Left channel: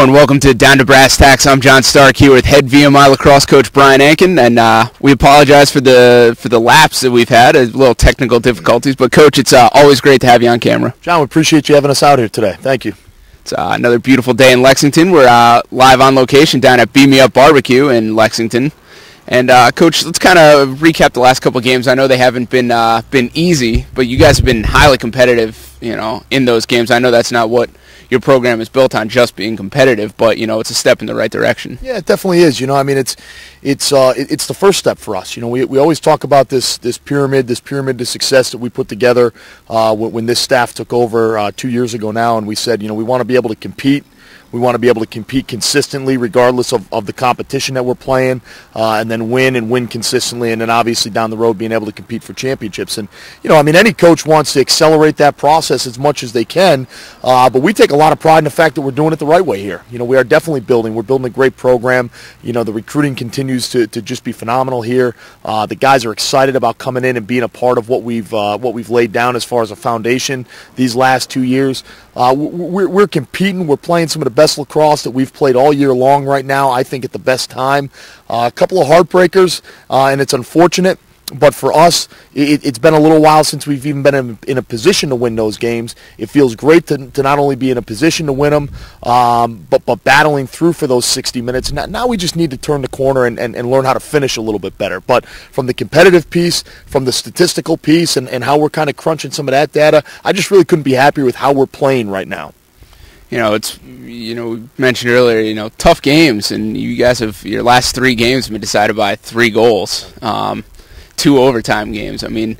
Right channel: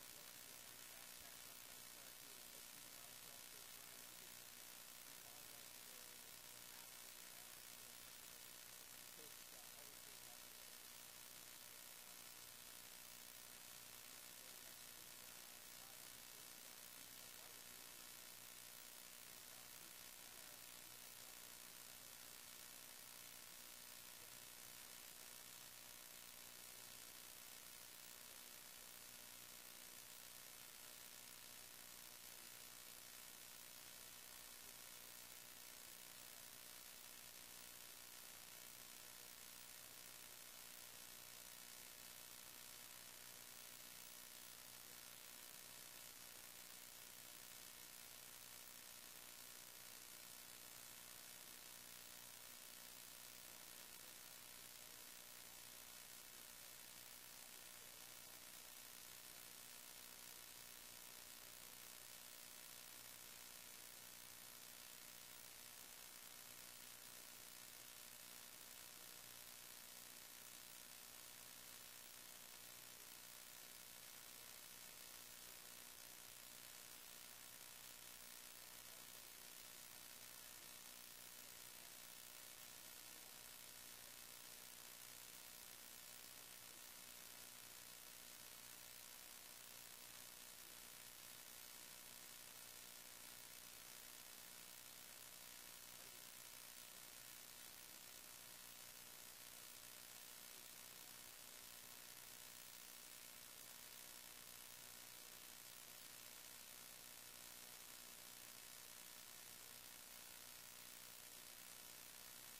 Hello and welcome to Down to Brass Tacks. I'm John Stark here with head VMI lacrosse coach Brian Anken, and we apologize for the lapse that we've had, a little technical difficulties. But Coach, it's always great to have you on camera. John, we appreciate you having us out here today. Thank you. It's another beautiful day in Lexington. We're live on location down at Beam Me Up Barbecue in Lexington. And Coach, let's kind of recap the last couple of games. I know they haven't been easy, but you guys have been highly competitive, in those games. I know that's not what your program is built on, just being competitive, but it's a step in the right direction. Yeah, it definitely is. It's the first step for us. We always talk about this pyramid to success that we put together when this staff took over 2 years ago now, and we said, we want to be able to compete. We want to be able to compete consistently regardless of the competition that we're playing, and then win consistently, and then obviously down the road being able to compete for championships. And, any coach wants to accelerate that process as much as they can, but we take a lot of pride in the fact that we're doing it the right way here. We are definitely building. We're building a great program. The recruiting continues to just be phenomenal here. The guys are excited about coming in and being a part of what we've laid down as far as a foundation these last 2 years. We're competing. We're playing some of the best lacrosse that we've played all year long right now, I think at the best time. A couple of heartbreakers, and it's unfortunate. But for us, it's been a little while since we've even been in a position to win those games. It feels great to not only be in a position to win them, but battling through for those 60 minutes. Now we just need to turn the corner and learn how to finish a little bit better. But from the competitive piece, from the statistical piece, and how we're kind of crunching some of that data, I just really couldn't be happier with how we're playing right now. We mentioned earlier, tough games, and you guys your last 3 games have been decided by 3 goals. 2 overtime games. I mean,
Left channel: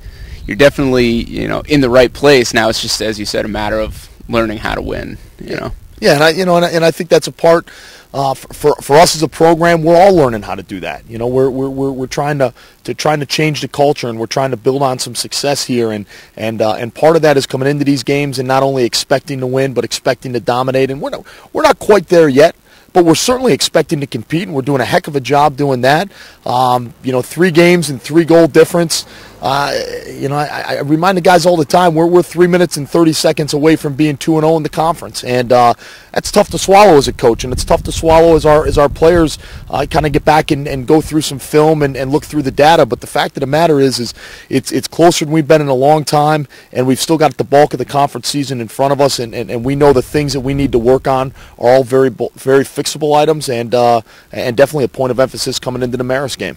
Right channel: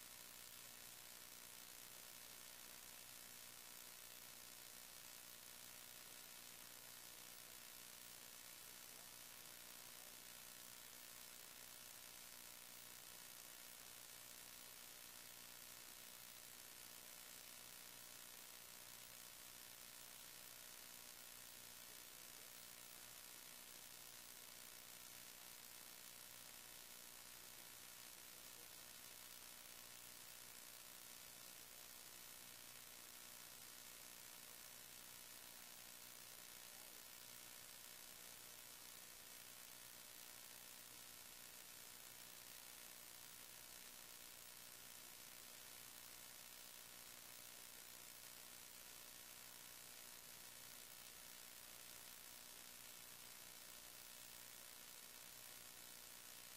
you're definitely, in the right place. Now it's just, as you said, a matter of learning how to win, Yeah, and I think that's a part for us as a program. We're all learning how to do that. We're trying to change the culture, and we're trying to build on some success here, and part of that is coming into these games and not only expecting to win, but expecting to dominate. And we're not quite there yet, but we're certainly expecting to compete, and we're doing a heck of a job doing that. 3 games and 3 goal difference. I remind the guys all the time, we're 3 minutes and 30 seconds away from being 2-0 in the conference, and that's tough to swallow as a coach, and it's tough to swallow as our players kind of get back and go through some film and look through the data. But the fact of the matter is it's closer than we've been in a long time, and we've still got the bulk of the conference season in front of us, and we know the things that we need to work on are all very fixable items, and definitely a point of emphasis coming into the Marist game.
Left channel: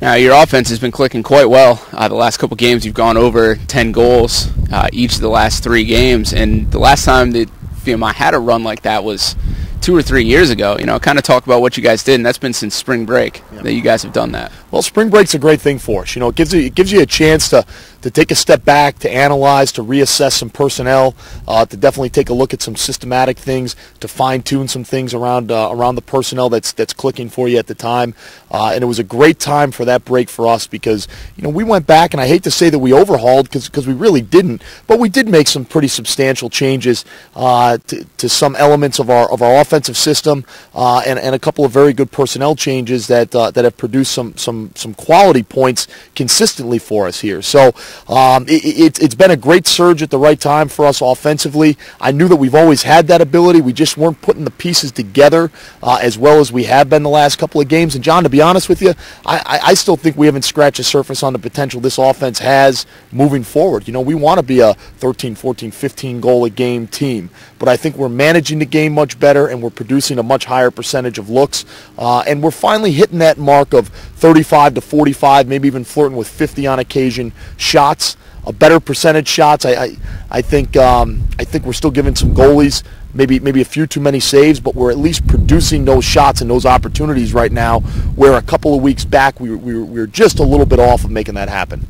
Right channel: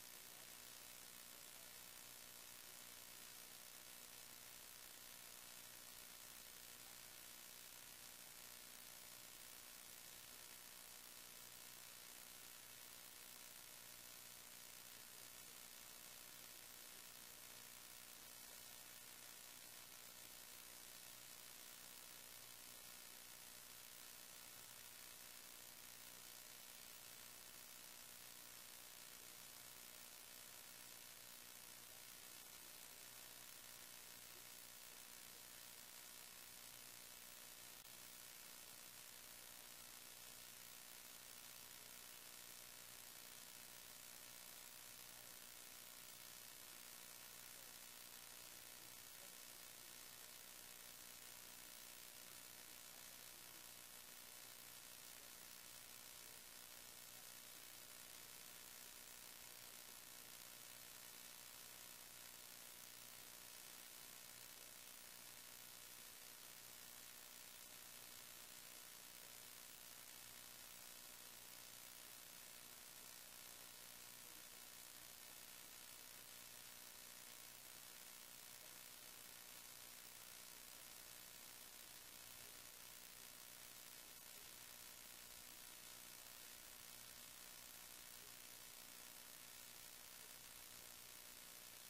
Now, your offense has been clicking quite well. The last couple games, you've gone over 10 goals each of the last 3 games. And the last time that VMI had a run like that was 2 or 3 years ago. Kind of talk about what you guys did, and that's been since spring break that you guys have done that. Well, spring break's a great thing for us. It gives you a chance to take a step back, to analyze, to reassess some personnel, to definitely take a look at some systematic things, to fine-tune some things around the personnel that's clicking for you at the time. And it was a great time for that break for us because, we went back, and I hate to say that we overhauled because we really didn't, but we did make some pretty substantial changes to some elements of our offensive system, and a couple of very good personnel changes that have produced some quality points consistently for us here. So it's been a great surge at the right time for us offensively. I knew that we've always had that ability. We just weren't putting the pieces together as well as we have been the last couple of games. And John, to be honest with you, I still think we haven't scratched the surface on the potential this offense has moving forward. We want to be a 13, 14, 15 goal a game team, but I think we're managing the game much better, and we're producing a much higher percentage of looks, and we're finally hitting that mark of 35 to 45, maybe even flirting with 50 on occasion shots, a better percentage shots. I think we're still giving some goalies maybe a few too many saves, but we're at least producing those shots and those opportunities right now, where a couple of weeks back we were just a little bit off of making that happen.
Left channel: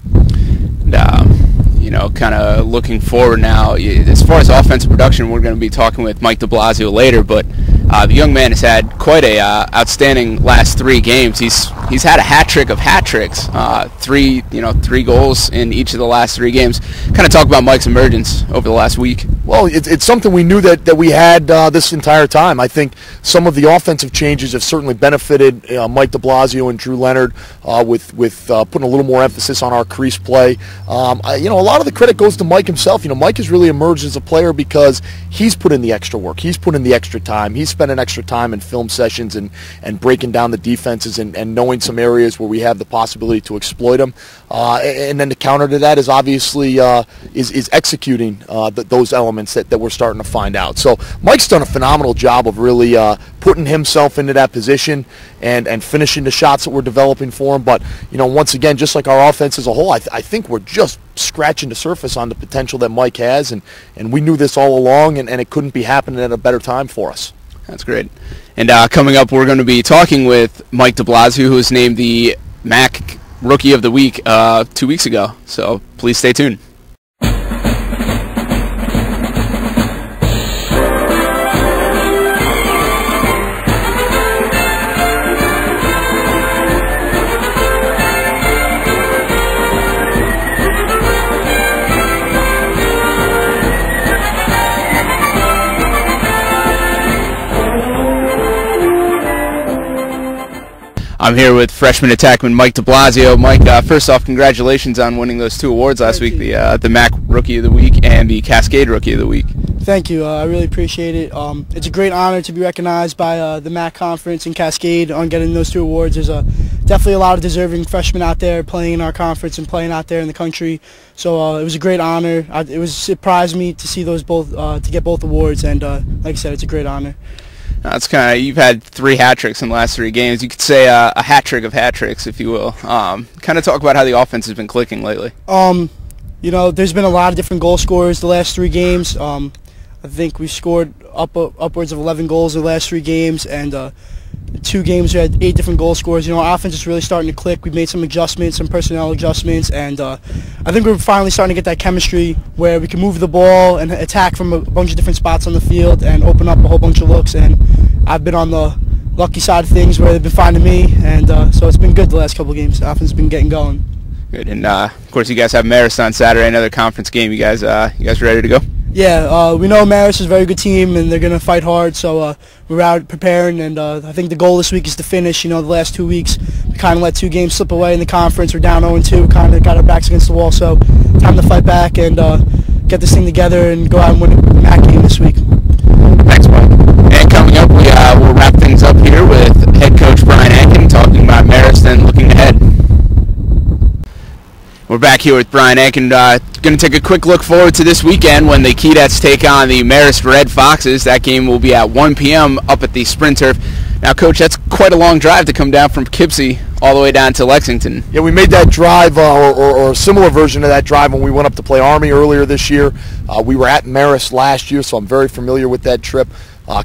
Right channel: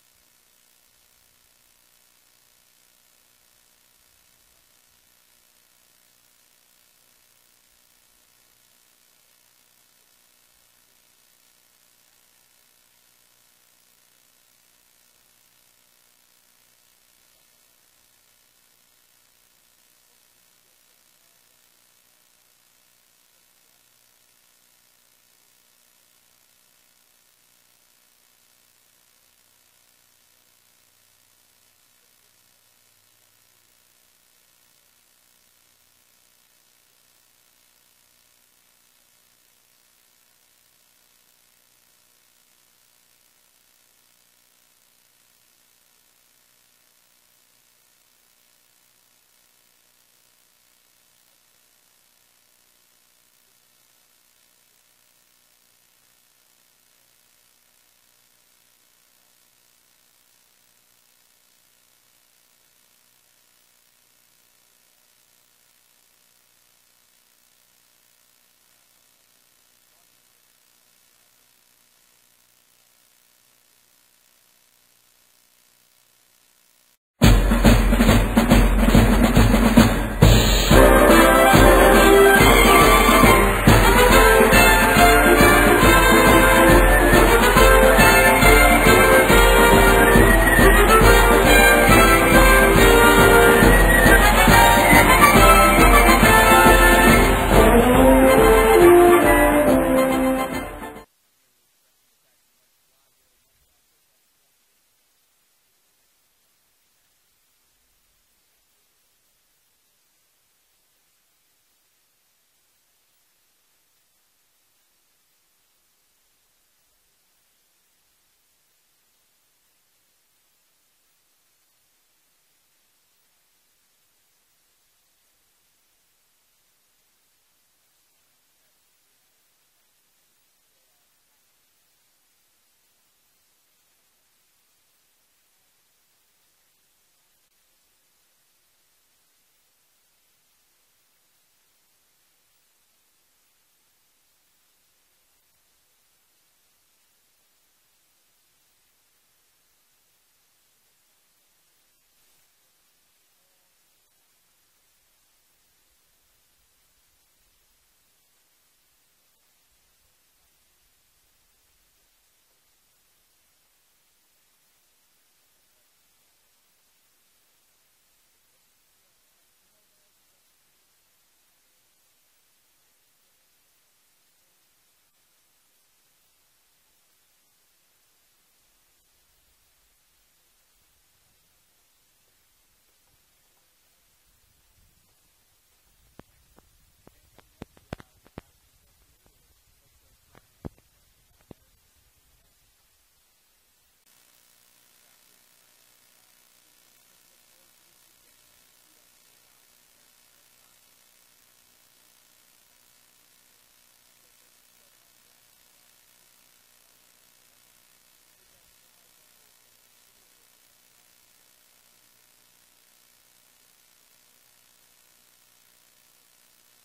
Kind of looking forward now, as far as offensive production, we're going to be talking with Mike DeBlasio later, but the young man has had quite a outstanding last 3 games. He's had a hat trick of hat tricks, 3 goals in each of the last 3 games. Kind of talk about Mike's emergence over the last week. Well, it's something we knew that we had this entire time. I think some of the offensive changes have certainly benefited Mike DeBlasio and Drew Leonard with putting a little more emphasis on our crease play. A lot of the credit goes to Mike himself. Mike has really emerged as a player because he's put in the extra work. He's put in the extra time. He's spent an extra time in film sessions and breaking down the defenses and knowing some areas where we have the possibility to exploit them. And then the counter to that is obviously is executing those elements that we're starting to find out. So Mike's done a phenomenal job of really putting himself into that position and finishing the shots that we're developing for him. But, once again, just like our offense as a whole, I think we're just scratching the surface on the potential that Mike has. And we knew this all along, and it couldn't be happening at a better time for us. That's great. And coming up, we're going to be talking with Mike DeBlasio, who was named the MAAC Rookie of the Week 2 weeks ago. So please stay tuned. I'm here with freshman attackman Mike DeBlasio. Mike, first off, congratulations on winning those 2 awards last week, the MAAC Rookie of the Week and the Cascade Rookie of the Week. Thank you. I really appreciate it. It's a great honor to be recognized by the MAAC Conference and Cascade on getting those 2 awards. There's definitely a lot of deserving freshmen out there playing in our conference and playing out there in the country. So it was a great honor. It surprised me to see those both to get both awards, and like I said, it's a great honor. It's you've had 3 hat tricks in the last 3 games. You could say a hat trick of hat tricks, if you will. Kind of talk about how the offense has been clicking lately. There's been a lot of different goal scorers the last 3 games. I think we scored upwards of 11 goals in the last 3 games, and 2 games we had 8 different goal scorers. Our offense is really starting to click. We've made some adjustments, some personnel adjustments, and I think we're finally starting to get that chemistry where we can move the ball and attack from a bunch of different spots on the field and open up a whole bunch of looks. And I've been on the lucky side of things where they've been finding me, and so it's been good the last couple of games. The offense has been getting going. Good, and of course you guys have Marist on Saturday, another conference game. You guys ready to go? Yeah, we know Marist is a very good team, and they're going to fight hard, so we're out preparing, and I think the goal this week is to finish. The last 2 weeks, we kind of let 2 games slip away in the conference. We're down 0-2, kind of got our backs against the wall, so time to fight back and get this thing together and go out and win the MAAC game this week. Thanks, Mike. And coming up, we'll wrap things up here with head coach Brian Anken talking about Marist and looking ahead. We're back here with Brian Anken. Going to take a quick look forward to this weekend when the Keydets take on the Marist Red Foxes. That game will be at 1 p.m. up at the Sprint Turf. Now, Coach, that's quite a long drive to come down from Poughkeepsie all the way down to Lexington. Yeah, we made that drive or a similar version of that drive when we went up to play Army earlier this year. We were at Marist last year, so I'm very familiar with that trip.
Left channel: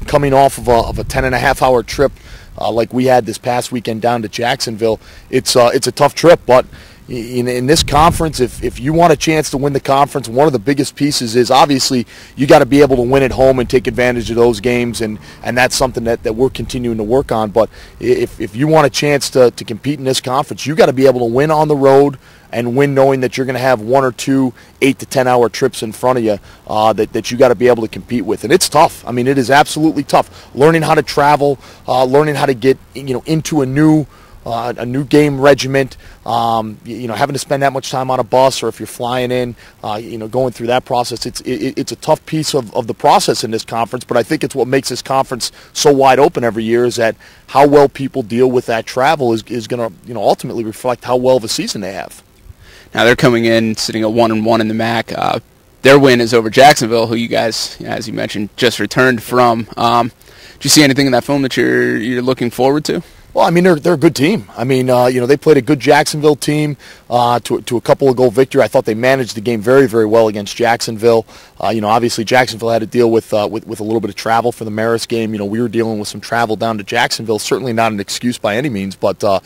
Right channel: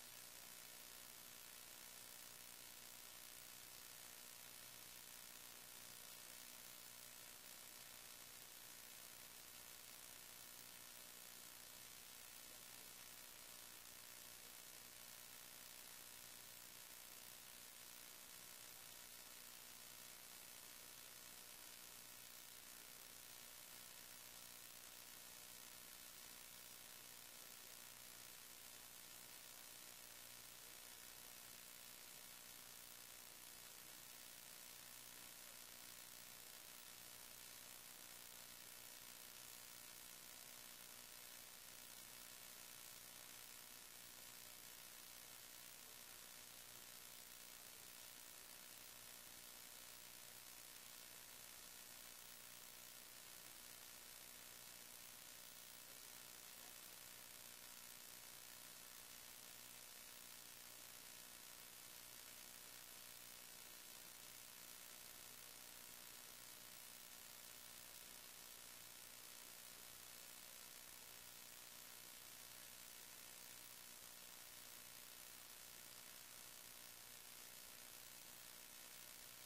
Coming off of a 10.5-hour trip like we had this past weekend down to Jacksonville, it's a tough trip, but in this conference, if you want a chance to win the conference, one of the biggest pieces is obviously you got to be able to win at home and take advantage of those games, and that's something that we're continuing to work on. But if you want a chance to compete in this conference, you got to be able to win on the road and win knowing that you're going to have 1 or 2 8 to 10 hour trips in front of you that you got to be able to compete with. And it's tough. I mean, it is absolutely tough. Learning how to travel, learning how to get into a new game regiment, having to spend that much time on a bus, or if you're flying in, going through that process. It's a tough piece of the process in this conference, but I think it's what makes this conference so wide open every year is that how well people deal with that travel is going to ultimately reflect how well of a season they have. Now they're coming in sitting at 1-1 in the MAAC. Their win is over Jacksonville, who you guys, as you mentioned, just returned from. Do you see anything in that film that you're looking forward to? Well, I mean, they're a good team. I mean, they played a good Jacksonville team to a couple of goal victory. I thought they managed the game very, very well against Jacksonville. Obviously Jacksonville had to deal with a little bit of travel for the Marist game. We were dealing with some travel down to Jacksonville. Certainly not an excuse by any means, but a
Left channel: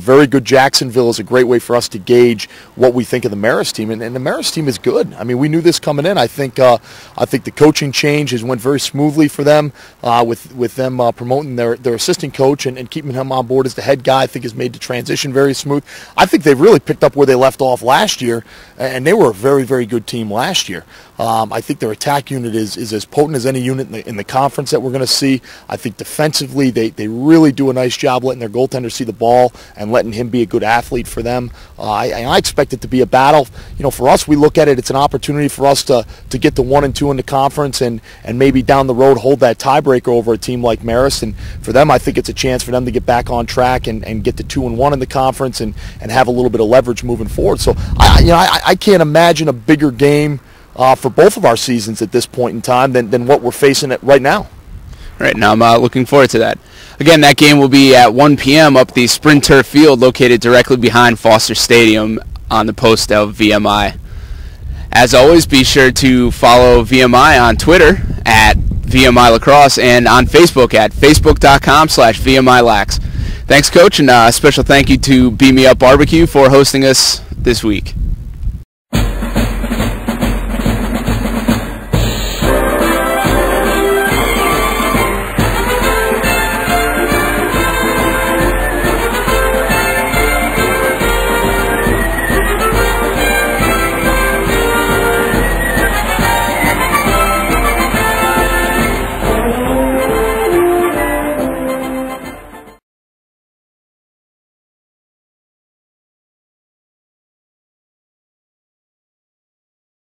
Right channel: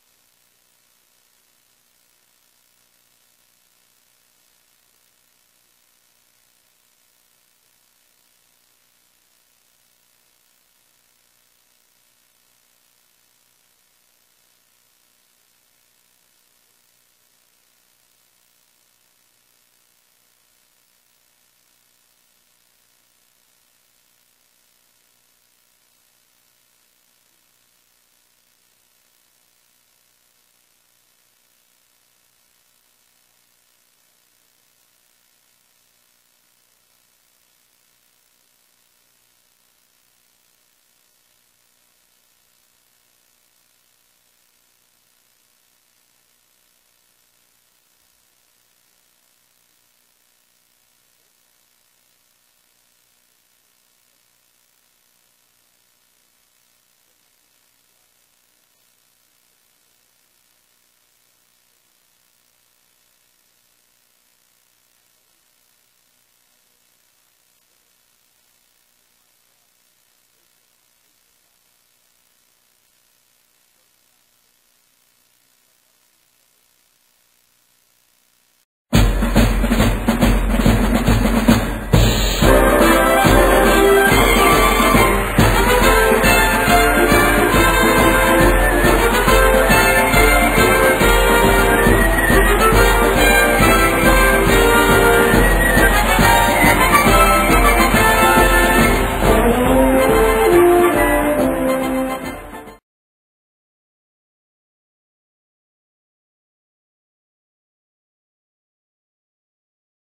very good Jacksonville is a great way for us to gauge what we think of the Marist team. And the Marist team is good. I mean, we knew this coming in. I think the coaching change has went very smoothly for them with them promoting their assistant coach and keeping him on board as the head guy. I think has made the transition very smooth. I think they've really picked up where they left off last year, and they were a very, very good team last year. I think their attack unit is as potent as any unit in the conference that we're going to see. I think defensively they really do a nice job letting their goaltender see the ball and letting him be a good athlete for them. I expect it to be a battle. For us, we look at it, it's an opportunity for us to get the 1 and 2 in the conference and maybe down the road hold that tiebreaker over a team like Marist. And for them, I think it's a chance for them to get back on track and get to 2 and 1 in the conference and have a little bit of leverage moving forward. So I can't imagine a bigger game for both of our seasons at this point in time than what we're facing right now. Right now, I'm looking forward to that. Again, that game will be at 1 p.m. up the Sprint Turf Field located directly behind Foster Stadium on the post of VMI. As always, be sure to follow VMI on Twitter at VMI Lacrosse and on Facebook at facebook.com/VMILax. Thanks, Coach, and a special thank you to Beam Me Up Barbecue for hosting us this week.